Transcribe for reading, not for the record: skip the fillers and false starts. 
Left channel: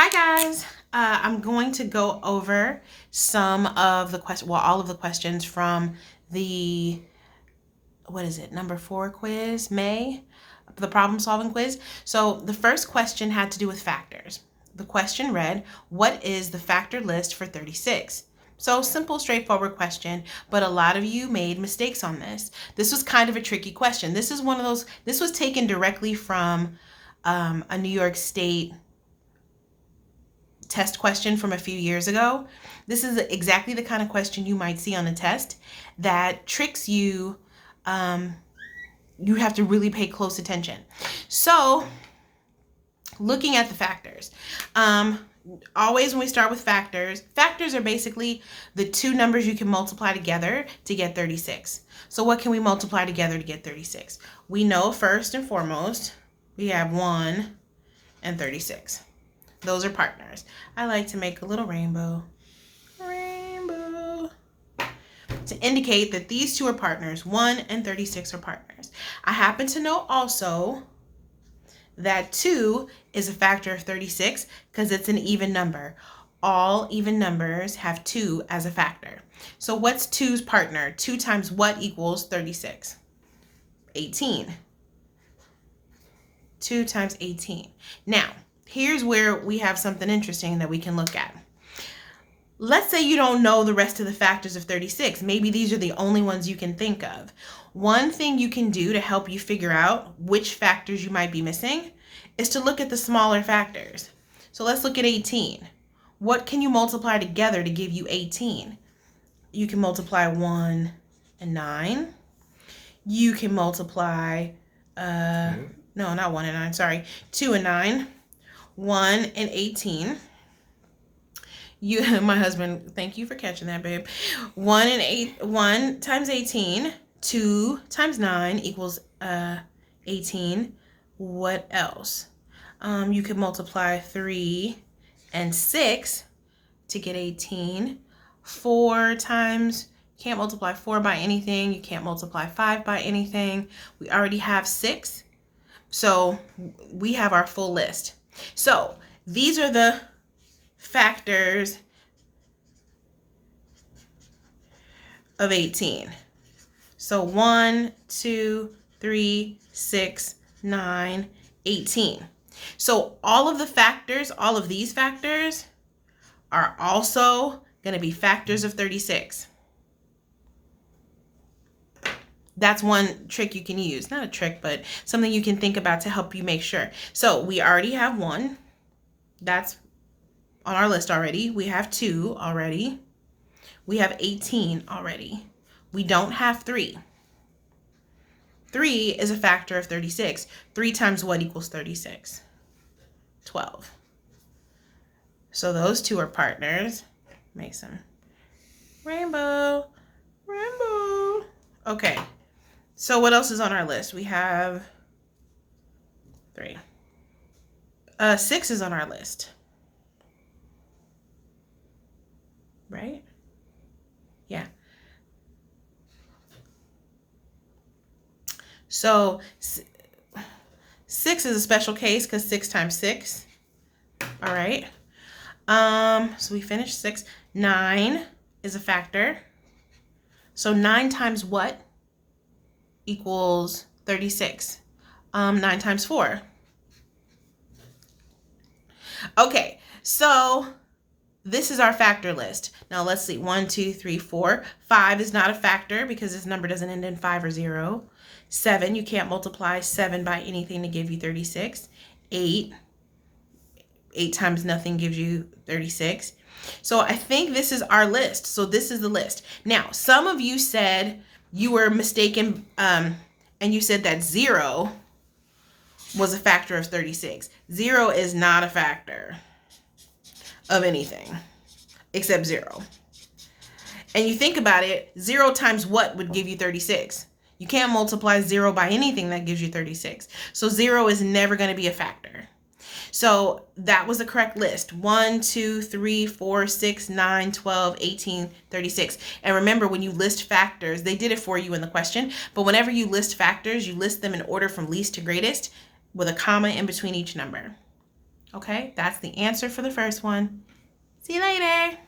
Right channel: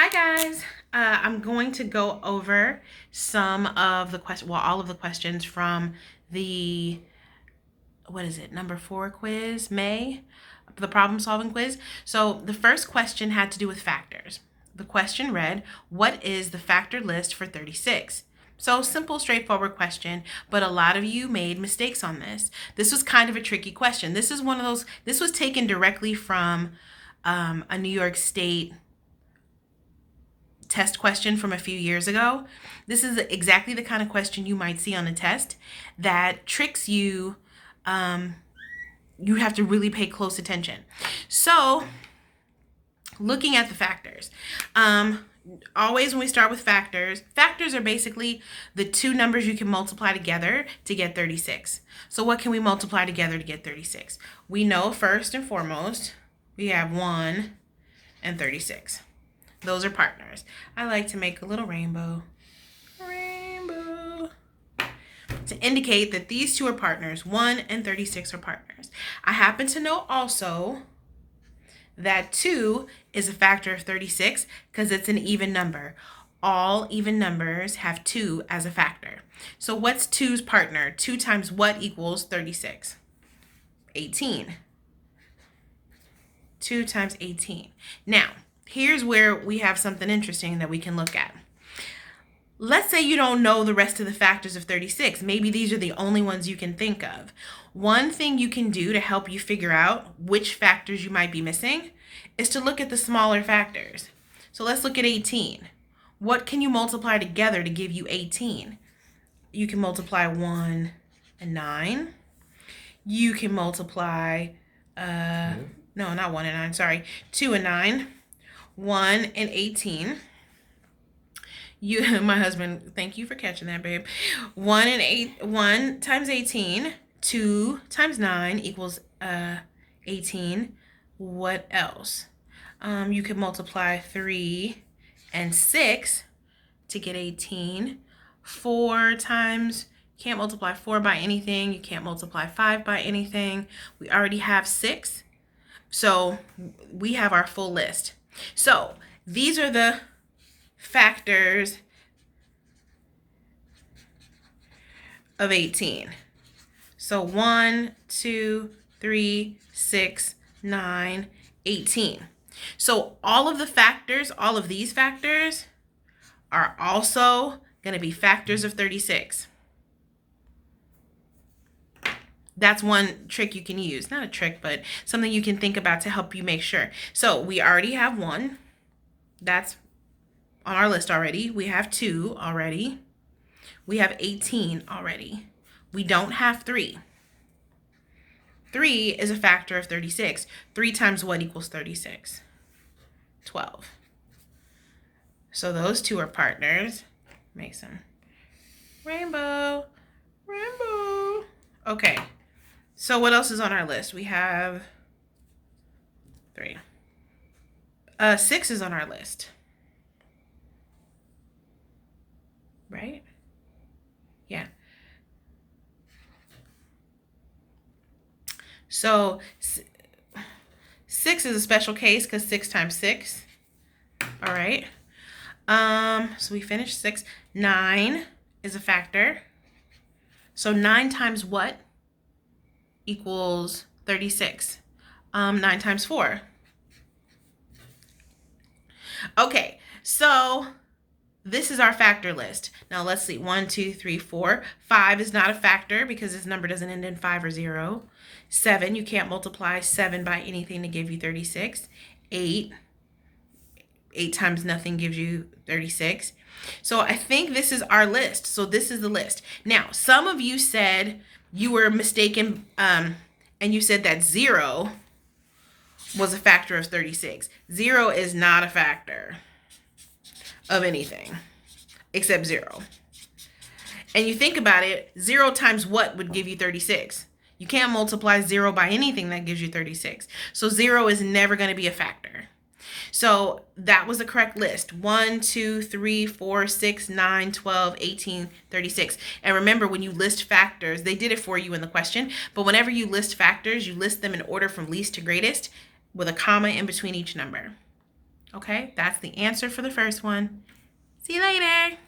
Hi guys. I'm going to go over some of the all of the questions from the number 4 quiz, the problem solving quiz. So the first question had to do with factors. The question read, what is the factor list for 36? So simple, straightforward question, but a lot of you made mistakes on this. This was kind of a tricky question. This was taken directly from a New York State test question from a few years ago. This is exactly the kind of question you might see on a test that tricks you. You have to really pay close attention. So, looking at the factors. Always when we start with factors are basically the two numbers you can multiply together to get 36. So what can we multiply together to get 36? We know first and foremost, we have 1 and 36. Those are partners. I like to make a little rainbow to indicate that these two are partners. 1 and 36 are partners. I happen to know also that 2 is a factor of 36 because it's an even number. All even numbers have 2 as a factor. So what's 2's partner? 2 times what equals 36? 18. 2 times 18. Now, here's where we have something interesting that we can look at. Let's say you don't know the rest of the factors of 36. Maybe these are the only ones you can think of. One thing you can do to help you figure out which factors you might be missing is to look at the smaller factors. So let's look at 18. What can you multiply together to give you 18? You can multiply 1 and 9. You can multiply, no, not 1 and 9, sorry, 2 and 9. 1 and 18. My husband, thank you for catching that, babe. 1 times 18, 2 times 9 equals 18. What else? You could multiply 3 and 6 to get 18. 4 times, can't multiply 4 by anything. You can't multiply 5 by anything. We already have 6. So we have our full list. So these are the factors of 18. So 1, 2, 3, 6, 9, 18. So all of these factors are also going to be factors of 36. That's one trick you can use. Not a trick, but something you can think about to help you make sure. So we already have 1. That's on our list already. We have 2 already. We have 18 already. We don't have 3. 3 is a factor of 36. 3 times what equals 36? 12. So those two are partners. Make some rainbow. Okay. So what else is on our list? We have 3. 6 is on our list. Right? Yeah. So 6 is a special case because 6 times 6. All right. So we finished 6. 9 is a factor. So 9 times what equals 36? 9 times 4. Okay, so this is our factor list. Now let's see, 1, 2, 3, 4. 5 is not a factor because this number doesn't end in 5 or 0. 7, you can't multiply 7 by anything to give you 36. 8 times nothing gives you 36. So I think this is our list. So this is the list. Now, some of you said you were mistaken, and you said that 0 was a factor of 36. 0 is not a factor of anything except 0. And you think about it, 0 times what would give you 36? You can't multiply 0 by anything that gives you 36. So 0 is never going to be a factor. So that was the correct list. 1, 2, 3, 4, 6, 9, 12, 18, 36. And remember, when you list factors, they did it for you in the question, but whenever you list factors, you list them in order from least to greatest with a comma in between each number. Okay, that's the answer for the first one. See you later.